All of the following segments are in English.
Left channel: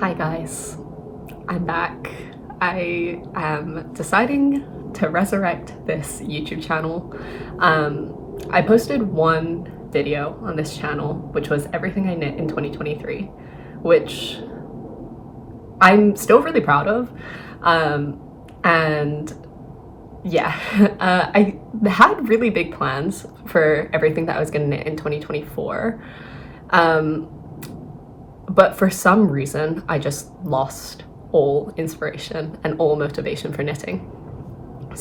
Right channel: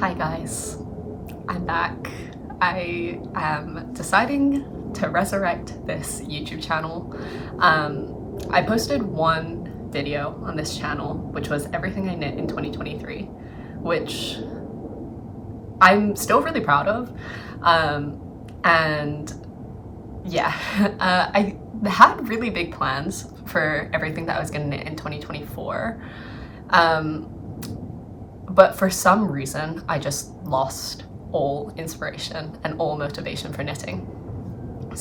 Hi guys, I'm back. I am deciding to resurrect this YouTube channel. I posted one video on this channel, which was everything I knit in 2023, which I'm still really proud of. And yeah, I had really big plans for everything that I was gonna knit in 2024. But for some reason, I just lost all inspiration and all motivation for knitting.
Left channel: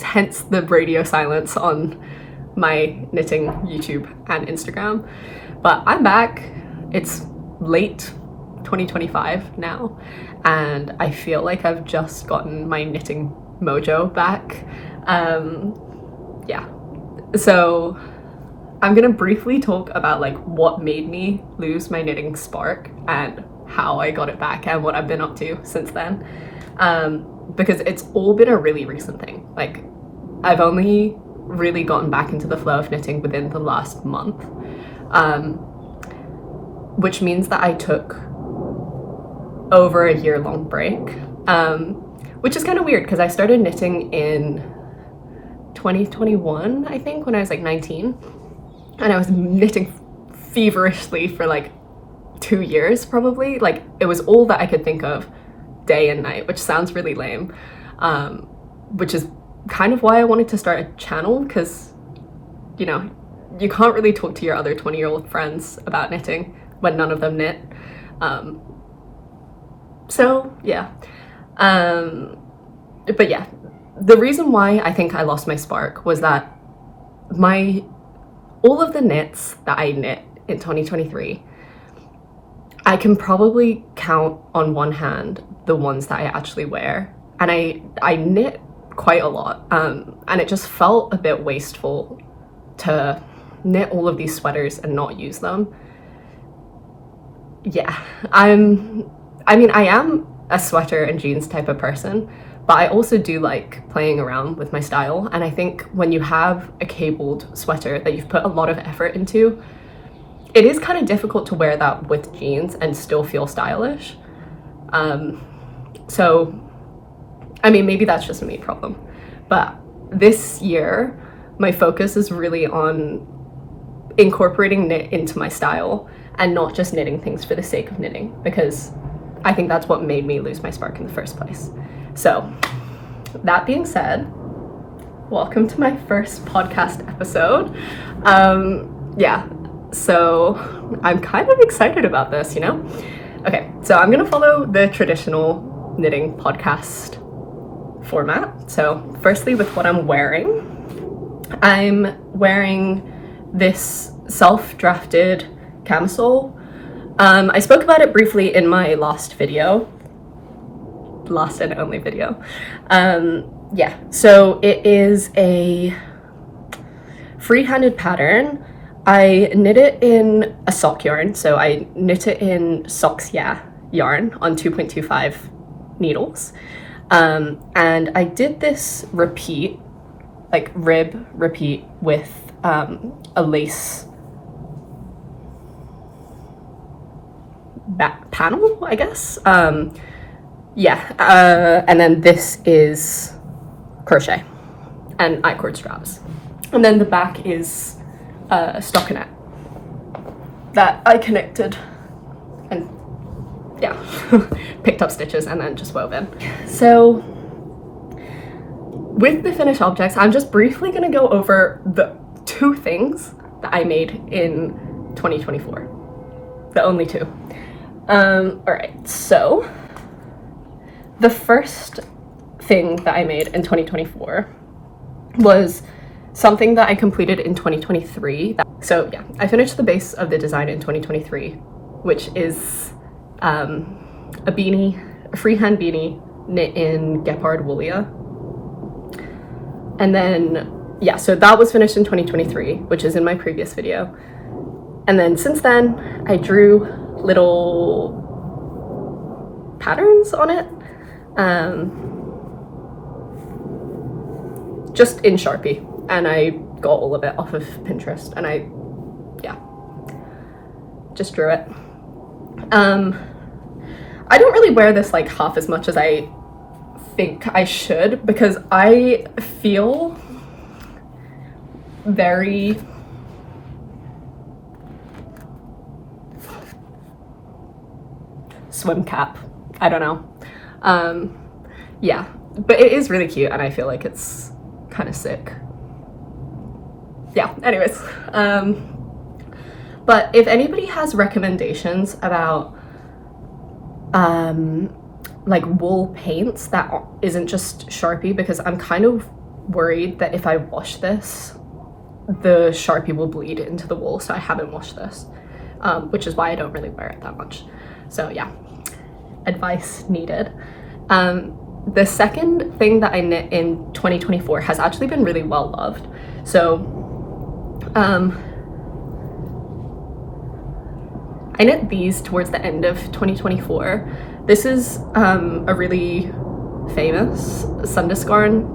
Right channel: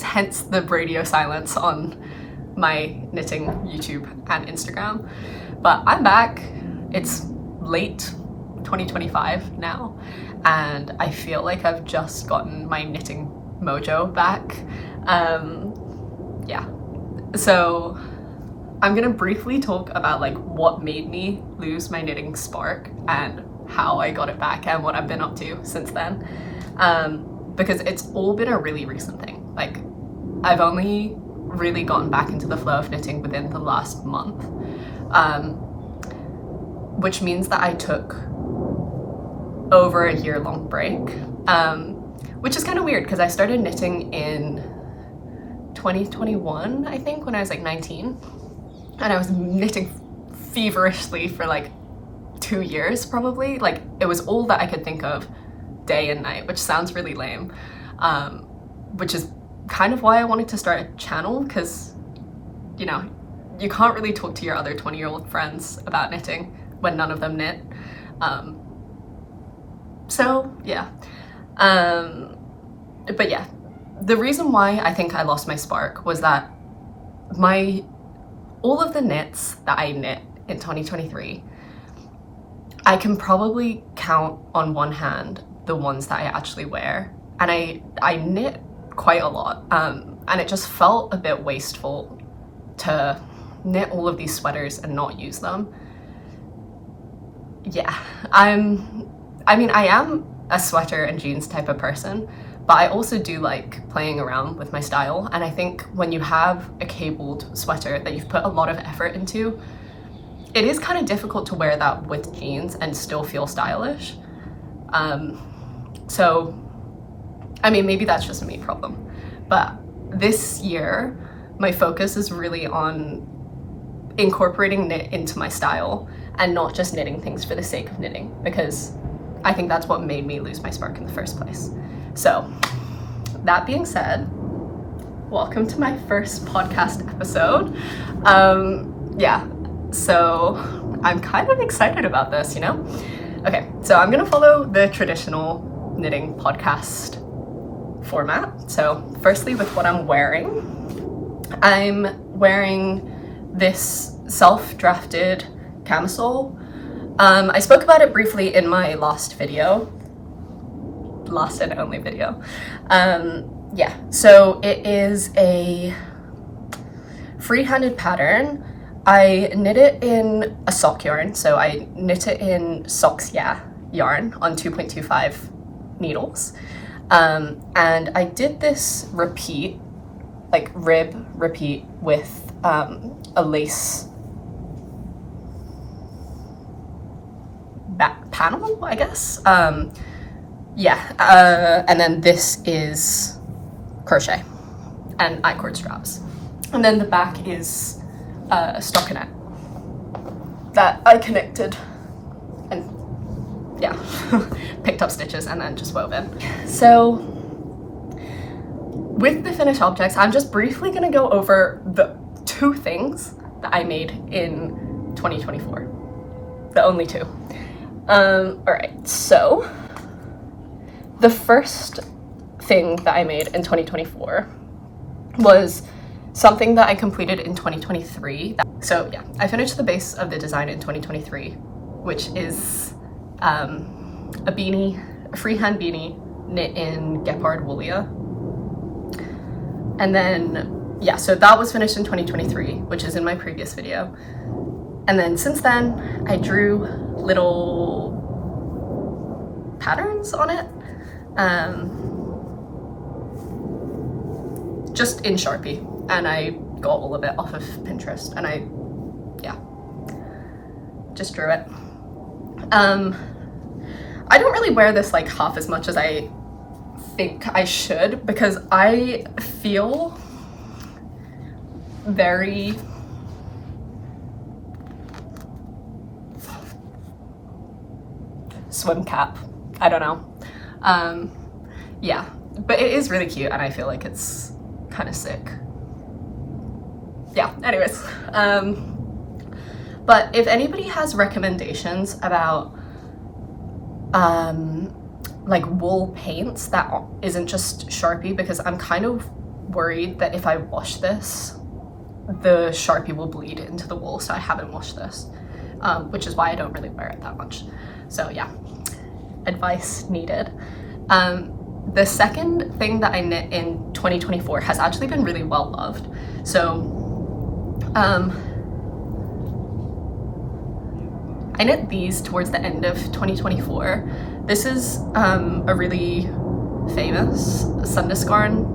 Hence the radio silence on my knitting YouTube and Instagram. But I'm back. It's late 2025 now, and I feel like I've just gotten my knitting mojo back. Yeah, so I'm gonna briefly talk about like what made me lose my knitting spark and how I got it back and what I've been up to since then, because it's all been a really recent thing. Like, I've only really gotten back into the flow of knitting within the last month, which means that I took over a year-long break, which is kind of weird because I started knitting in 2021, I think, when I was like 19. And I was knitting feverishly for like 2 years probably. Like, it was all that I could think of day and night, which sounds really lame, which is kind of why I wanted to start a channel, because, you know, you can't really talk to your other 20-year-old friends about knitting when none of them knit. So yeah, but yeah, the reason why I think I lost my spark was that all of the knits that I knit in 2023, I can probably count on one hand the ones that I actually wear. And I knit quite a lot, and it just felt a bit wasteful to knit all of these sweaters and not use them. Yeah, I mean, I am a sweater and jeans type of person, but I also do like playing around with my style. And I think when you have a cabled sweater that you've put a lot of effort into, it is kind of difficult to wear that with jeans and still feel stylish. So, I mean, maybe that's just a me problem. But this year, my focus is really on incorporating knit into my style and not just knitting things for the sake of knitting, because I think that's what made me lose my spark in the first place. So, that being said, welcome to my first podcast episode. Yeah, so I'm kind of excited about this, you know? Okay, so I'm gonna follow the traditional knitting podcast format. So firstly, with what I'm wearing this self-drafted camisole. I spoke about it briefly in my last and only video. Yeah, so it is a free-handed pattern. I knit it in a sock yarn, so I knit it in Socks Yeah yarn on 2.25 needles. And I did this repeat, like rib repeat, with a lace back panel, I guess. Yeah, and then this is crochet and I-cord straps. And then the back is stockinette that I connected and yeah, picked up stitches and then just wove in. So with the finished objects, I'm just briefly gonna go over the two things that I made in 2024. The only two. All right, so the first thing that I made in 2024 was something that I completed in 2023. So yeah, I finished the base of the design in 2023, which is a beanie, a freehand beanie knit in gepard woolia. And then, yeah, so that was finished in 2023, which is in my previous video. And then since then, I drew little patterns on it, just in Sharpie, and I got all of it off of Pinterest, and I just drew it. I don't really wear this like half as much as I think I should, because I feel very swim cap. I don't know. Yeah, but it is really cute and I feel like it's kind of sick. Yeah, anyways. But if anybody has recommendations about like wool paints that isn't just Sharpie, because I'm kind of worried that if I wash this, the Sharpie will bleed into the wool, so I haven't washed this, which is why I don't really wear it that much. So yeah, advice needed. The second thing that I knit in 2024 has actually been really well loved. So I knit these towards the end of 2024. This is a really famous Sundus garn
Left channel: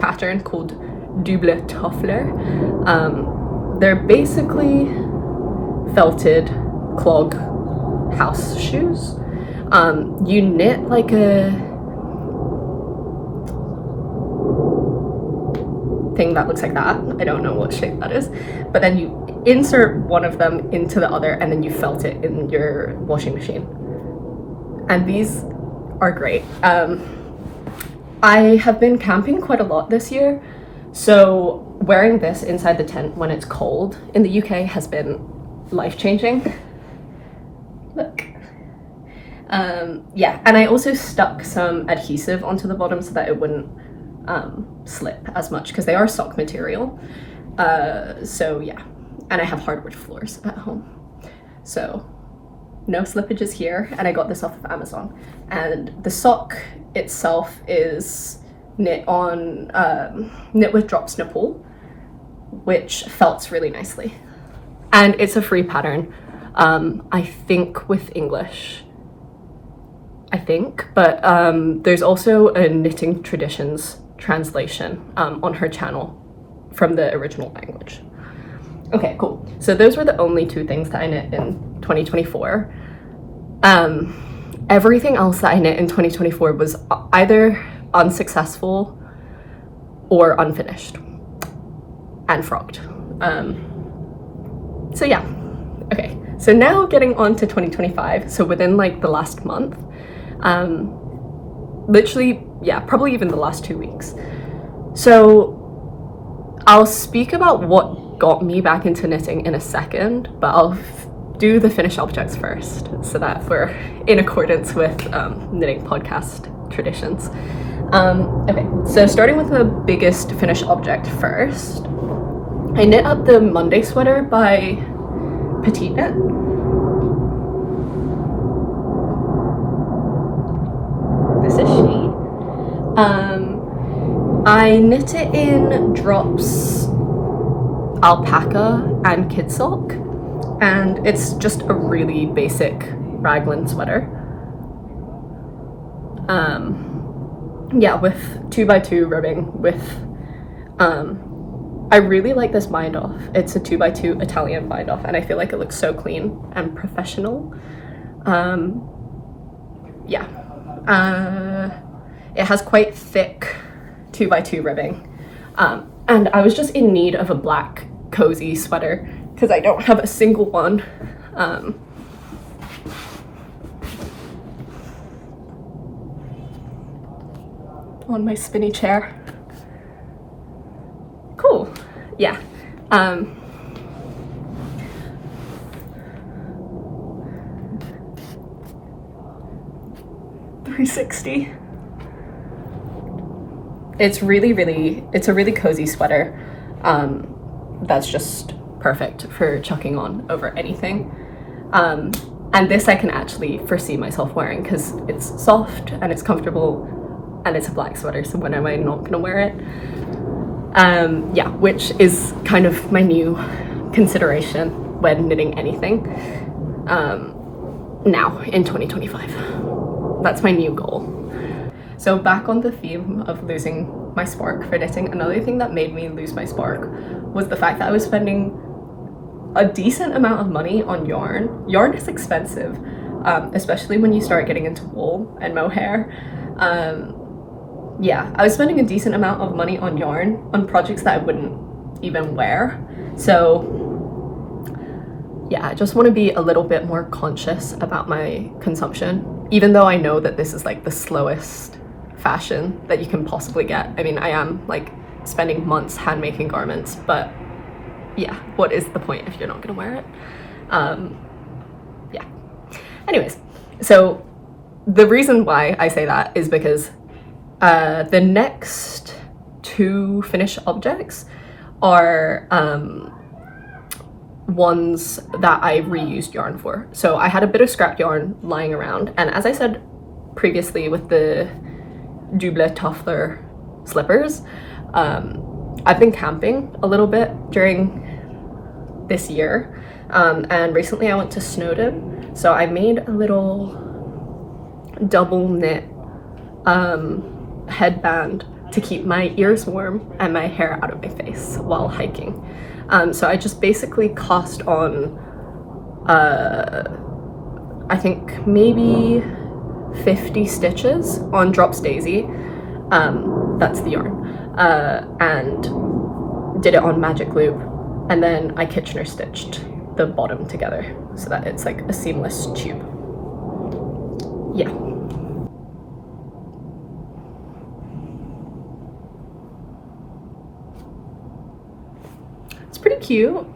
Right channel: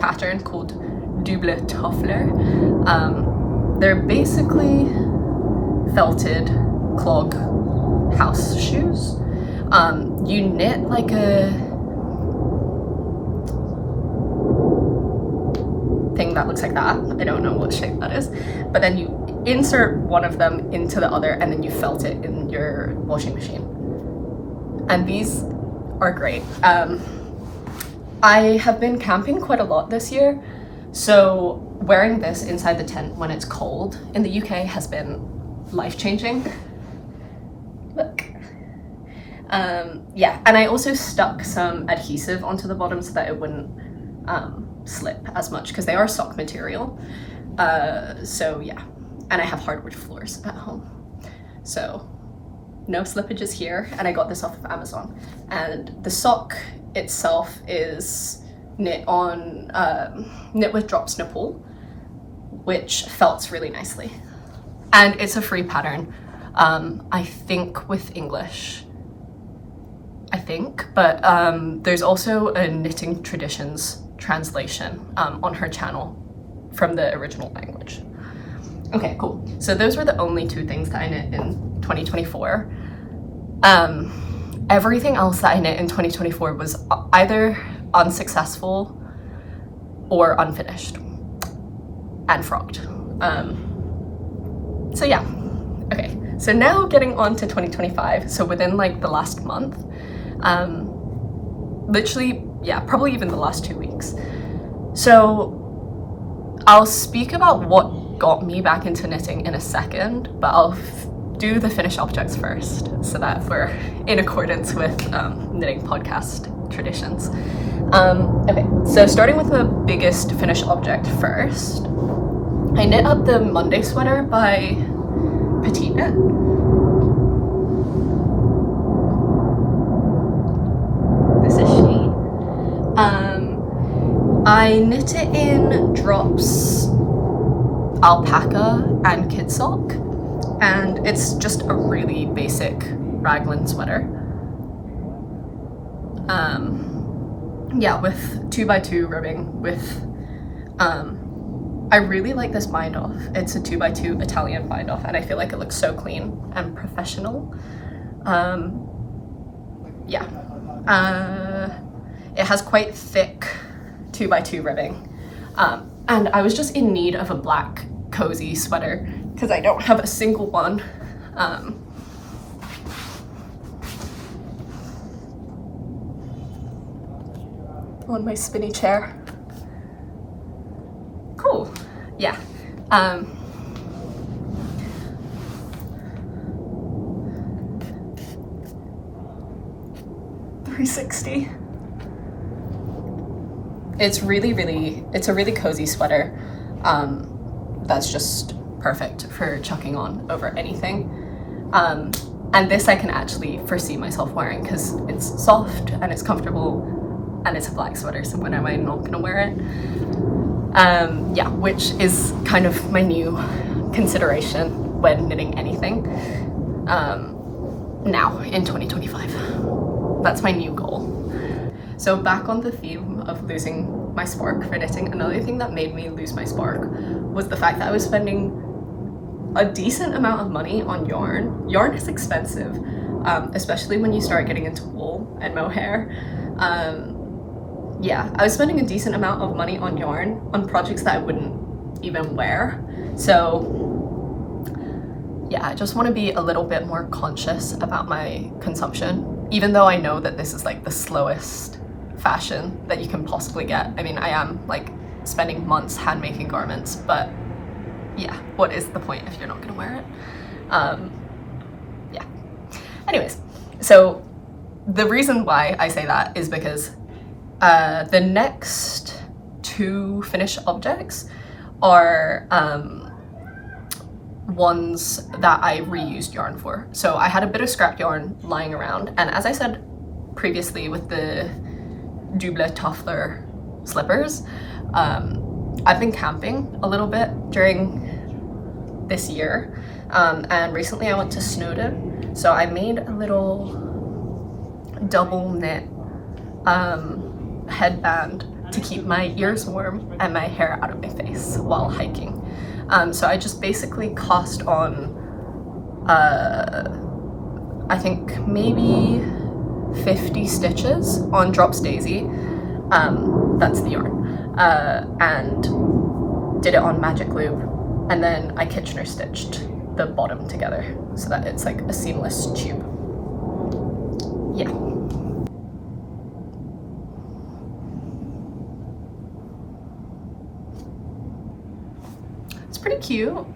pattern called doble tofler. They're basically felted clog house shoes. You knit like a thing that looks like that. I don't know what shape that is, but then you insert one of them into the other and then you felt it in your washing machine. And these are great. I have been camping quite a lot this year, so wearing this inside the tent when it's cold in the UK has been life-changing. Look. Yeah, and I also stuck some adhesive onto the bottom so that it wouldn't slip as much, because they are sock material. So yeah, and I have hardwood floors at home, so no slippages here. And I got this off of Amazon, and the sock itself is knit with drops Nepal, which felts really nicely, and it's a free pattern. I think with English, but there's also a Knitting Traditions translation on her channel from the original language. Okay, cool. So those were the only two things that I knit in 2024. Everything else that I knit in 2024 was either unsuccessful or unfinished and frogged. So yeah, okay. So now getting on to 2025. So within like the last month, literally, yeah, probably even the last 2 weeks. So I'll speak about what got me back into knitting in a second, but I'll do the finished objects first so that we're in accordance with knitting podcast traditions. Okay, so starting with the biggest finished object first, I knit up the Monday sweater by petiteknit. This is she. I knit it in drops alpaca and kid sock, and it's just a really basic raglan sweater. Yeah, with 2x2 ribbing with I really like this bind off. It's a 2x2 Italian bind off, and I feel like it looks so clean and professional. Yeah. It has quite thick 2x2 ribbing, and I was just in need of a black cozy sweater because I don't have a single one. On my spinny chair. Cool. Yeah. 360. It's a really cozy sweater. That's just perfect for chucking on over anything. And this I can actually foresee myself wearing because it's soft and it's comfortable and it's a black sweater, so when am I not gonna wear it? Yeah, which is kind of my new consideration when knitting anything now in 2025. That's my new goal. So back on the theme of losing my spark for knitting, another thing that made me lose my spark was the fact that I was spending a decent amount of money on yarn. Yarn is expensive. especially when you start getting into wool and mohair. Yeah, I was spending a decent amount of money on yarn on projects that I wouldn't even wear. So yeah, I just want to be a little bit more conscious about my consumption, even though I know that this is like the slowest fashion that you can possibly get. I mean, I am like spending months hand making garments, but yeah, what is the point if you're not gonna wear it? Yeah. Anyways, so the reason why I say that is because the next two finished objects are ones that I reused yarn for. So I had a bit of scrap yarn lying around, and as I said previously with the doble tofler slippers, I've been camping a little bit during this year, and recently I went to Snowdon, so I made a little double knit headband to keep my ears warm and my hair out of my face while hiking. So I just basically cast on I think maybe 50 stitches on Drops Daisy, that's the yarn, and did it on magic loop, and then I Kitchener stitched the bottom together so that it's like a seamless tube. Yeah. It's pretty cute.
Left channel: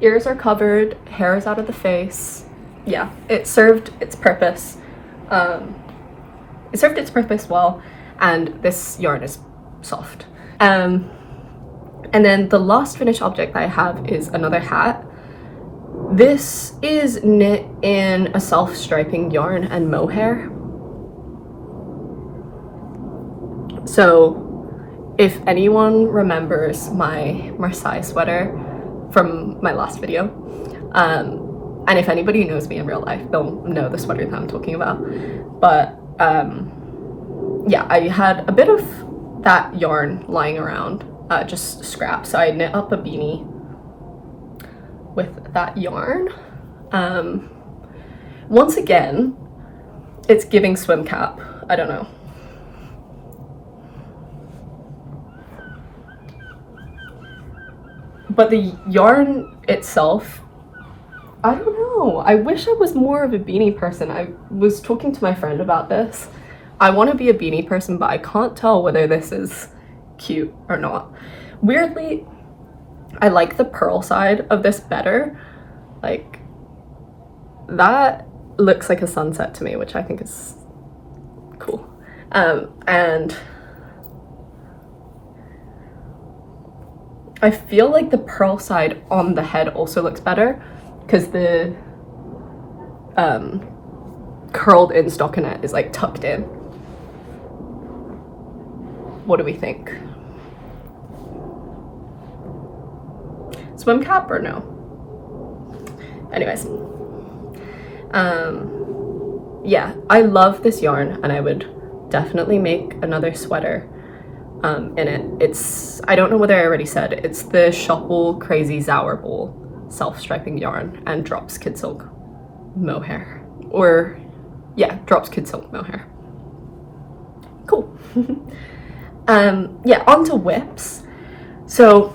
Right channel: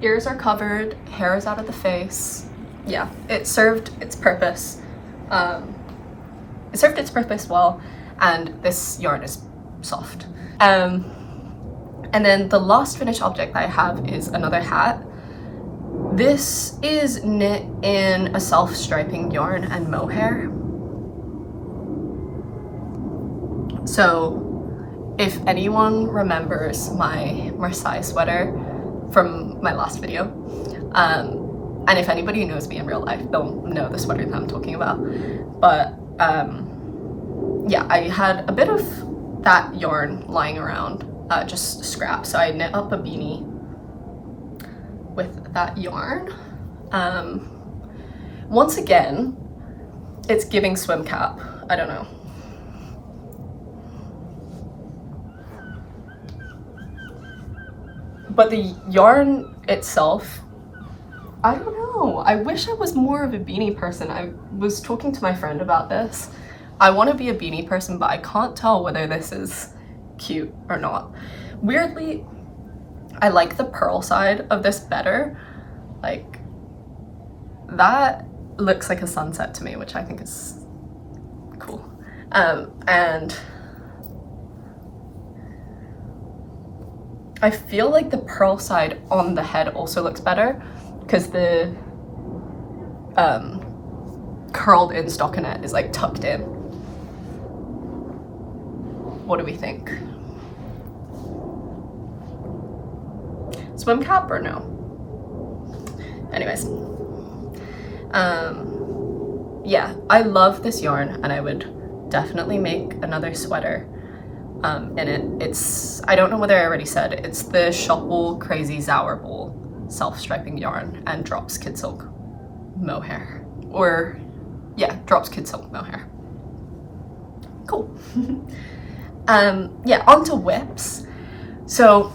Ears are covered, hair is out of the face. Yeah, it served its purpose. It served its purpose well, and this yarn is soft. And then the last finished object that I have is another hat. This is knit in a self-striping yarn and mohair. So if anyone remembers my Marseille sweater from my last video, and if anybody knows me in real life, they'll know the sweater that I'm talking about. But yeah, I had a bit of that yarn lying around, just scrap. So I knit up a beanie with that yarn. Once again, it's giving swim cap. I don't know. But the yarn itself, I don't know. I wish I was more of a beanie person. I was talking to my friend about this. I want to be a beanie person, but I can't tell whether this is cute or not. Weirdly, I like the pearl side of this better. Like, that looks like a sunset to me, which I think is cool. And I feel like the pearl side on the head also looks better because the curled in stockinette is like tucked in. What do we think? Swim cap or no? Anyways, yeah, I love this yarn and I would definitely make another sweater in it. It's, I don't know whether I already said, it's the Schoppel Crazy Zauberball self-striping yarn and Drops Kid Silk mohair. Or, yeah, Drops Kid Silk mohair. Cool. Yeah, onto whips. So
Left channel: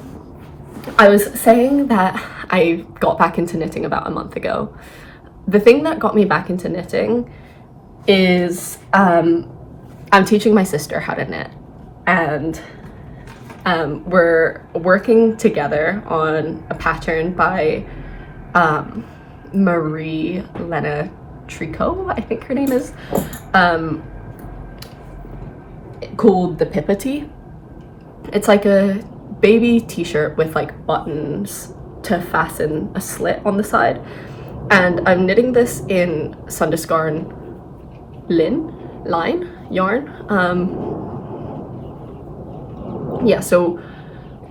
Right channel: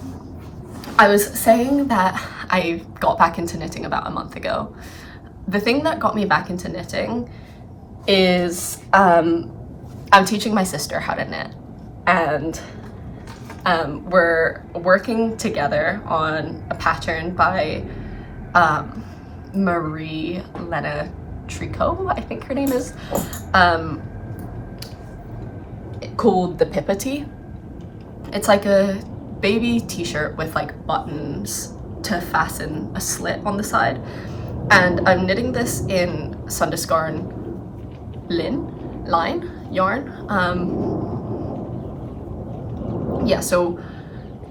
I was saying that I got back into knitting about a month ago. The thing that got me back into knitting is I'm teaching my sister how to knit, and we're working together on a pattern by Marie Lena Tricot, I think her name is, called the Pippa. It's like a baby t-shirt with like buttons to fasten a slit on the side, and I'm knitting this in Sundus Garn line yarn. Yeah, so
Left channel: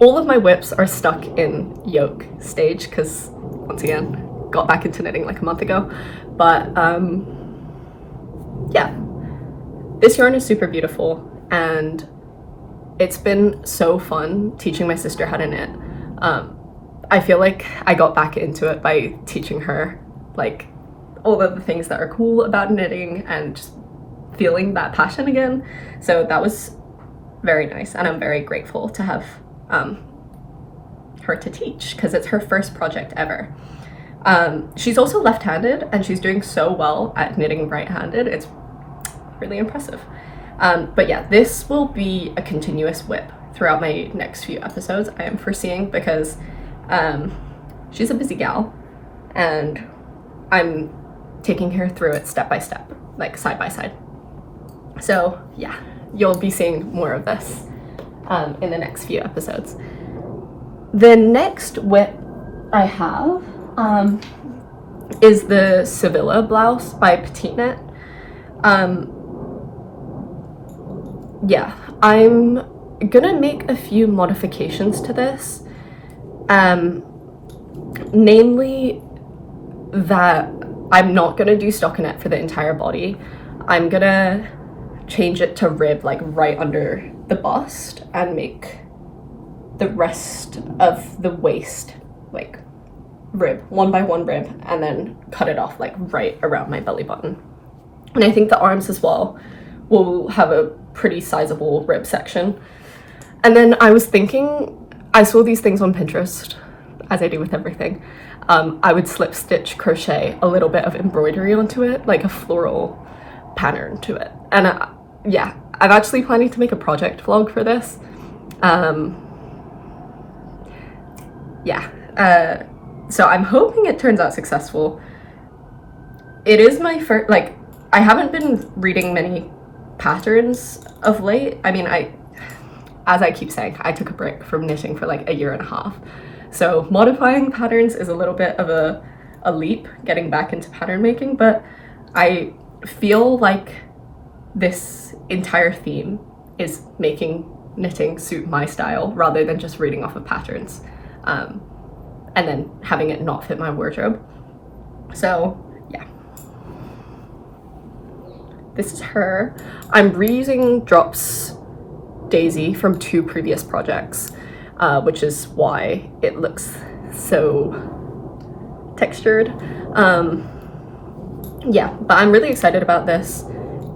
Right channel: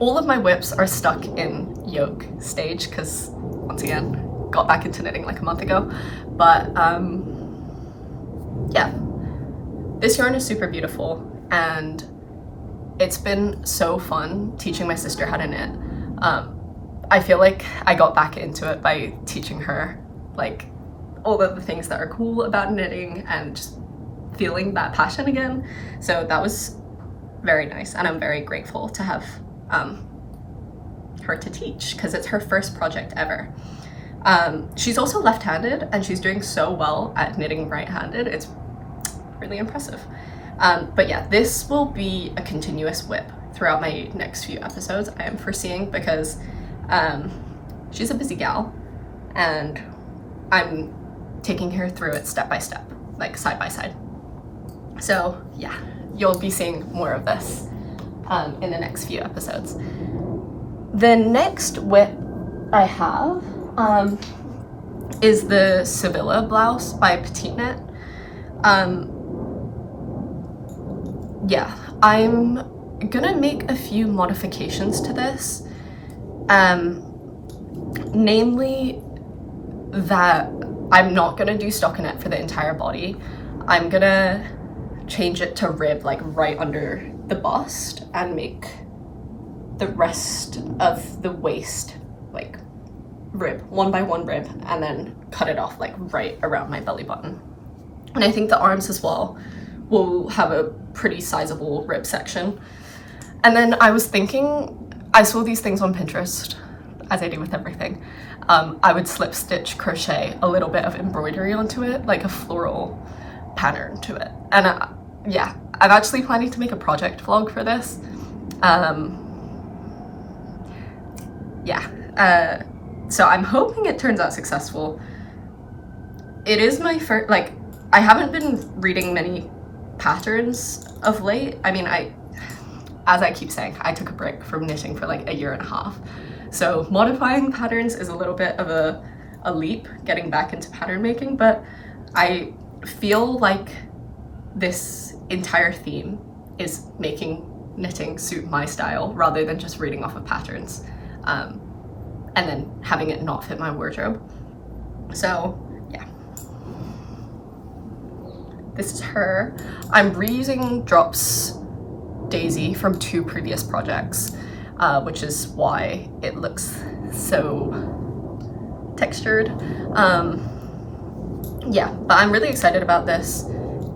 all of my whips are stuck in yoke stage because, once again, got back into knitting like a month ago. But yeah, this yarn is super beautiful, and it's been so fun teaching my sister how to knit. I feel like I got back into it by teaching her like all of the things that are cool about knitting and just feeling that passion again. So that was very nice, and I'm very grateful to have her to teach, because it's her first project ever. She's also left-handed, and she's doing so well at knitting right-handed. It's really impressive. But yeah, this will be a continuous whip throughout my next few episodes, I am foreseeing, because she's a busy gal, and I'm taking her through it step by step, like side by side. So yeah, you'll be seeing more of this in the next few episodes. The next whip I have is the Sevilla blouse by petiteknit. Yeah, I'm gonna make a few modifications to this, namely that I'm not gonna do stockinette for the entire body. I'm gonna change it to rib, like right under the bust, and make the rest of the waist like rib, one by one rib, and then cut it off like right around my belly button. And I think the arms as well will have a pretty sizable rib section. And then I was thinking, I saw these things on Pinterest, as I do with everything. I would slip stitch crochet a little bit of embroidery onto it, like a floral pattern to it. And yeah, I'm actually planning to make a project vlog for this. So I'm hoping it turns out successful. It is my first, like, I haven't been reading many patterns of late. I mean, as I keep saying, I took a break from knitting for like a year and a half. So modifying patterns is a little bit of a leap, getting back into pattern making, but I feel like this entire theme is making knitting suit my style rather than just reading off of patterns and then having it not fit my wardrobe. So yeah, this is her. I'm reusing Drops Daisy from 2 previous projects, which is why it looks so textured. Yeah, but I'm really excited about this.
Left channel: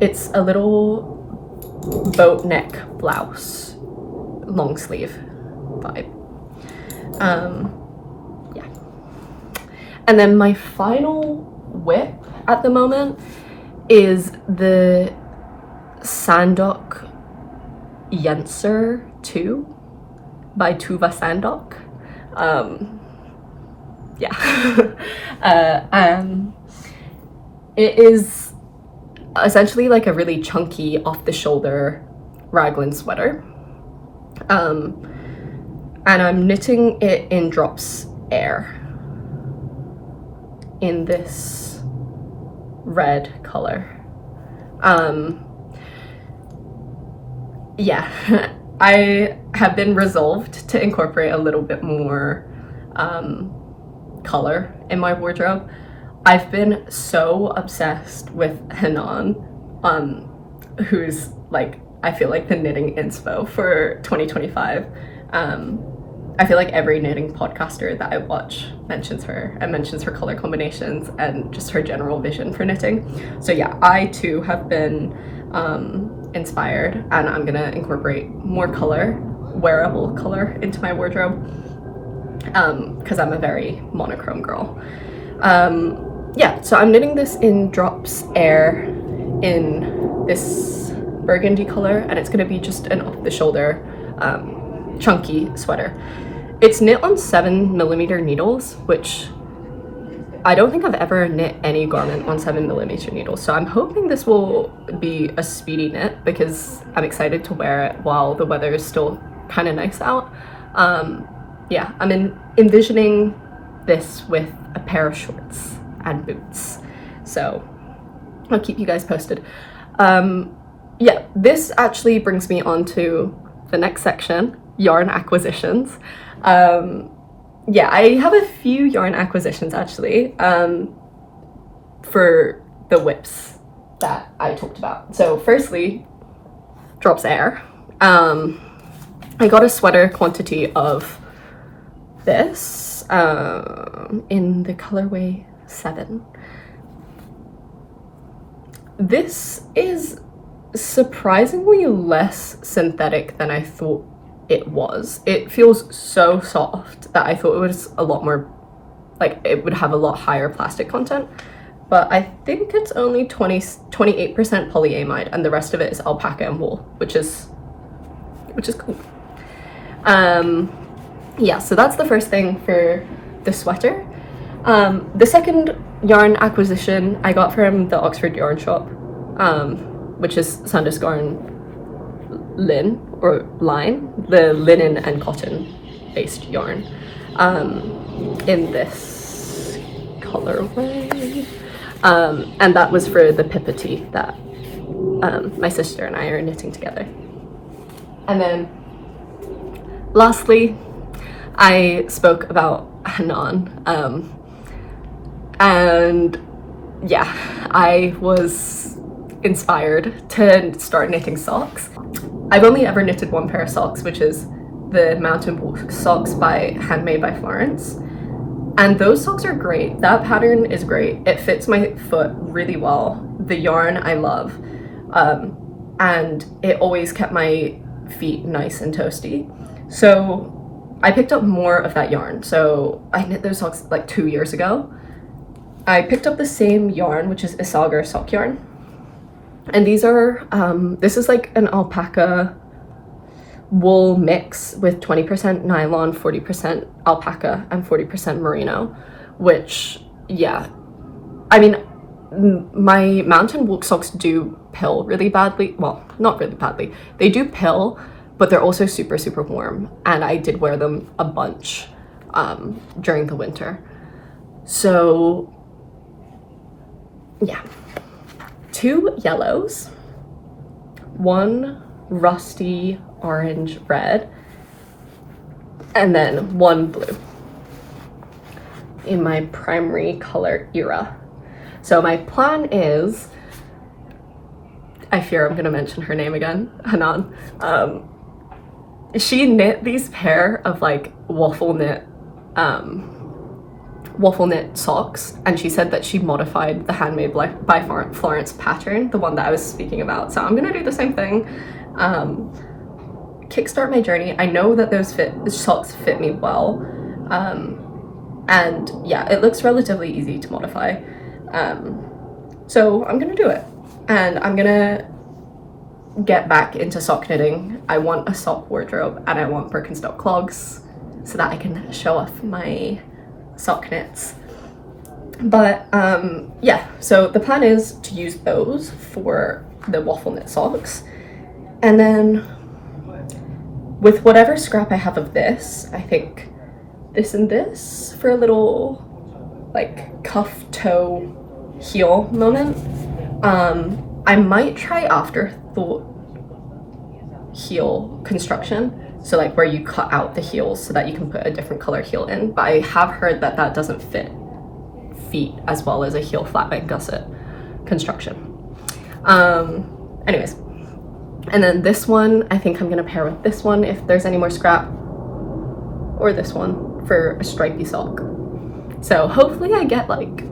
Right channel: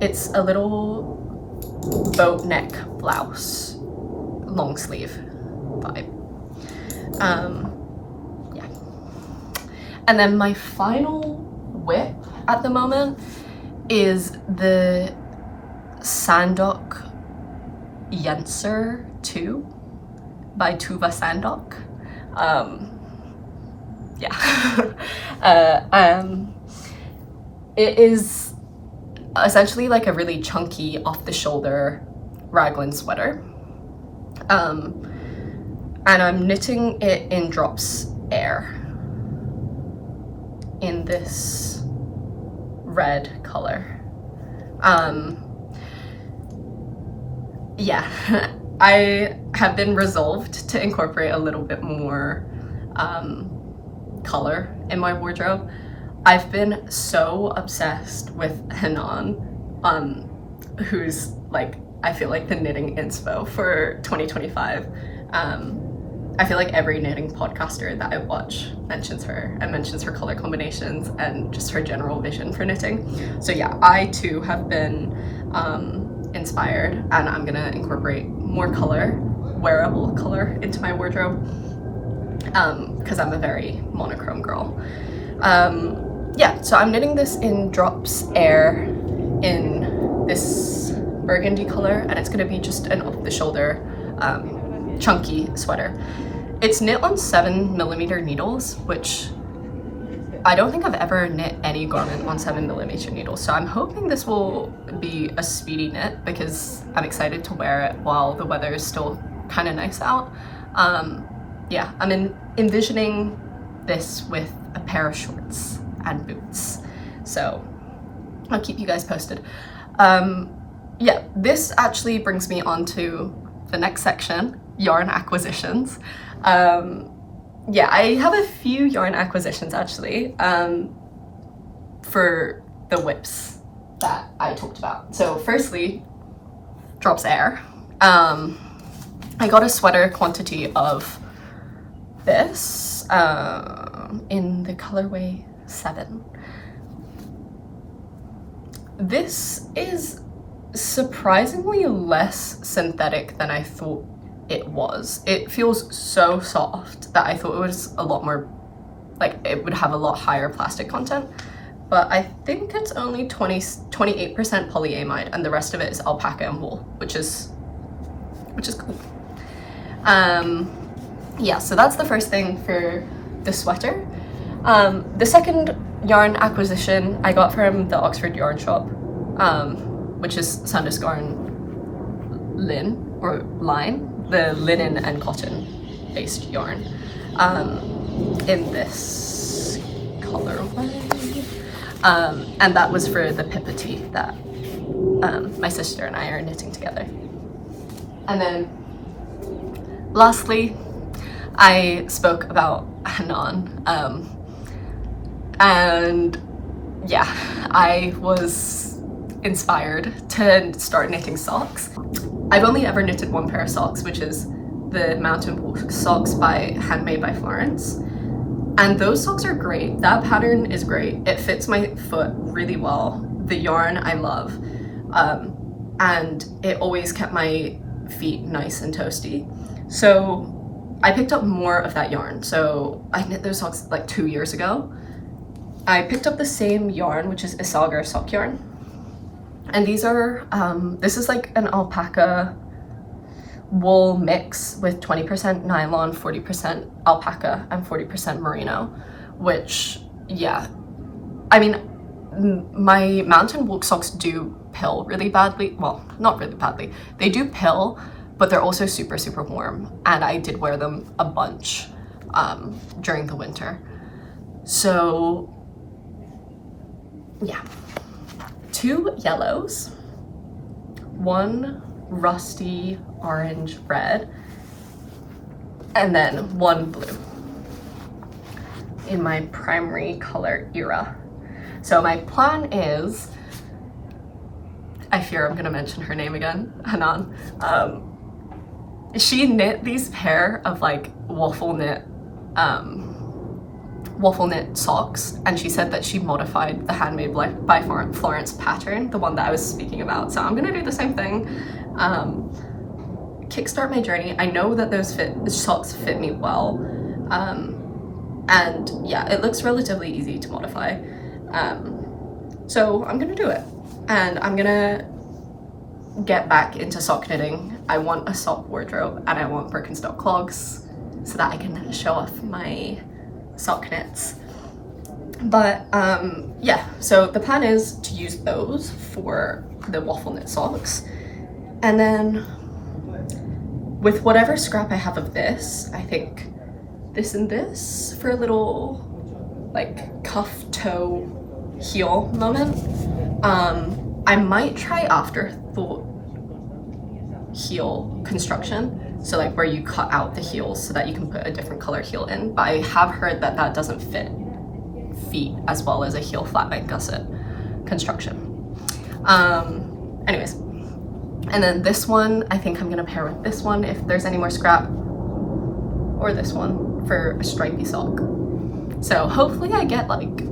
It's a little boat neck blouse, long sleeve vibe. Yeah. And then my final whip at the moment is the Sandok Yenser 2 by Tuva Sandok. It is essentially like a really chunky off-the-shoulder raglan sweater. And I'm knitting it in Drops Air in this red color. Yeah, I have been resolved to incorporate a little bit more color in my wardrobe. I've been so obsessed with Hanan, who's like, I feel like the knitting inspo for 2025. I feel like every knitting podcaster that I watch mentions her and mentions her color combinations and just her general vision for knitting. So yeah, I too have been inspired, and I'm gonna incorporate more color, wearable color, into my wardrobe because I'm a very monochrome girl. Yeah, so I'm knitting this in Drops Air in this burgundy color, and it's gonna be just an off-the-shoulder chunky sweater. It's knit on 7mm needles, which I don't think I've ever knit any garment on 7mm needles, so I'm hoping this will be a speedy knit because I'm excited to wear it while the weather is still kind of nice out. Yeah, I'm envisioning this with a pair of shorts and boots, so I'll keep you guys posted. Yeah, this actually brings me on to the next section, yarn acquisitions. Yeah, I have a few yarn acquisitions actually for the whips that I talked about. So firstly, Drops Air. I got a sweater quantity of this in the colorway 7. This is surprisingly less synthetic than I thought it was. It feels so soft that I thought it was a lot more, like it would have a lot higher plastic content, but I think it's only 28% polyamide and the rest of it is alpaca and wool, which is cool. Yeah, so that's the first thing for the sweater. The second yarn acquisition I got from the Oxford Yarn Shop, which is Sandus Garn Lin or Line, the linen and cotton based yarn, in this colorway, and that was for the pippa tee that my sister and I are knitting together. And then lastly, I spoke about Hanan, and yeah, I was inspired to start knitting socks. I've only ever knitted one pair of socks, which is the Mountain Walk socks by Handmade by Florence, and those socks are great. That pattern is great. It fits my foot really well. The yarn I love, and it always kept my feet nice and toasty. So I picked up more of that yarn. So I knit those socks like 2 years ago. I picked up the same yarn, which is Isagar sock yarn. And these are, this is like an alpaca wool mix with 20% nylon, 40% alpaca, and 40% merino, which, yeah, I mean, my mountain walk socks do pill really badly. Well, not really badly. They do pill, but they're also super, super warm. And I did wear them a bunch during the winter. So, yeah. 2 yellows, 1 rusty orange red, and then 1 blue in my primary color era. So my plan is, I fear I'm gonna mention her name again, Hanan. She knit these pair of like waffle knit socks, and she said that she modified the Handmade by Florence pattern, the one that I was speaking about. So I'm gonna do the same thing, kickstart my journey. I know that those socks fit me well, and yeah, it looks relatively easy to modify. So I'm gonna do it, and I'm gonna get back into sock knitting. I want a sock wardrobe and I want Birkenstock clogs so that I can show off my sock knits. But yeah, so the plan is to use those for the waffle knit socks, and then with whatever scrap I have of this, I think this and this for a little like cuff toe heel moment. I might try afterthought heel construction, so like where you cut out the heels so that you can put a different color heel in, but I have heard that that doesn't fit feet as well as a heel flatbed gusset construction. Anyways, and then this one I think I'm gonna pair with this one if there's any more scrap, or this one for a stripy sock. So hopefully I get like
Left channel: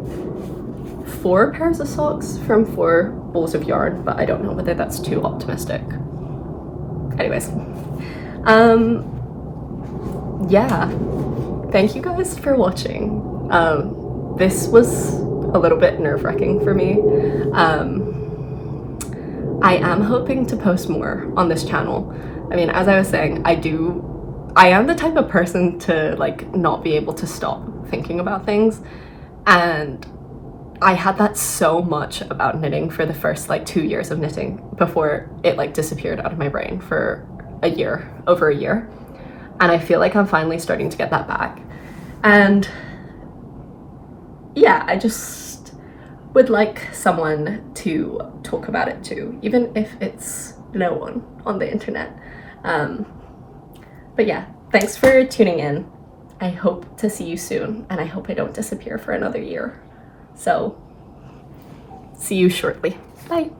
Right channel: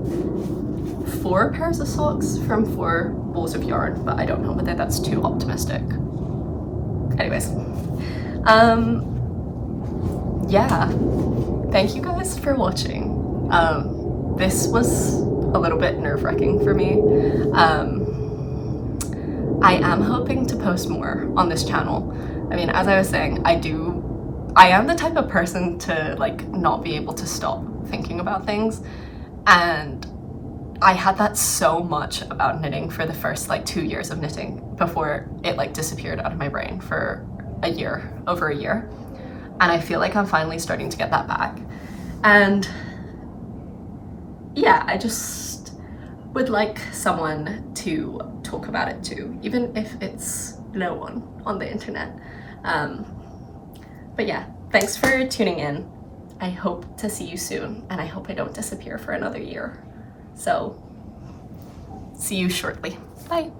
4 pairs of socks from 4 balls of yarn, but I don't know whether that's too optimistic. Anyways, yeah, thank you guys for watching. This was a little bit nerve-wracking for me. I am hoping to post more on this channel. I mean, as I was saying, I am the type of person to like not be able to stop thinking about things, and I had that so much about knitting for the first like 2 years of knitting before it like disappeared out of my brain for a year, over a year. And I feel like I'm finally starting to get that back. And yeah, I just would like someone to talk about it too, even if it's no one on the internet. But yeah, thanks for tuning in. I hope to see you soon, and I hope I don't disappear for another year. So, see you shortly. Bye.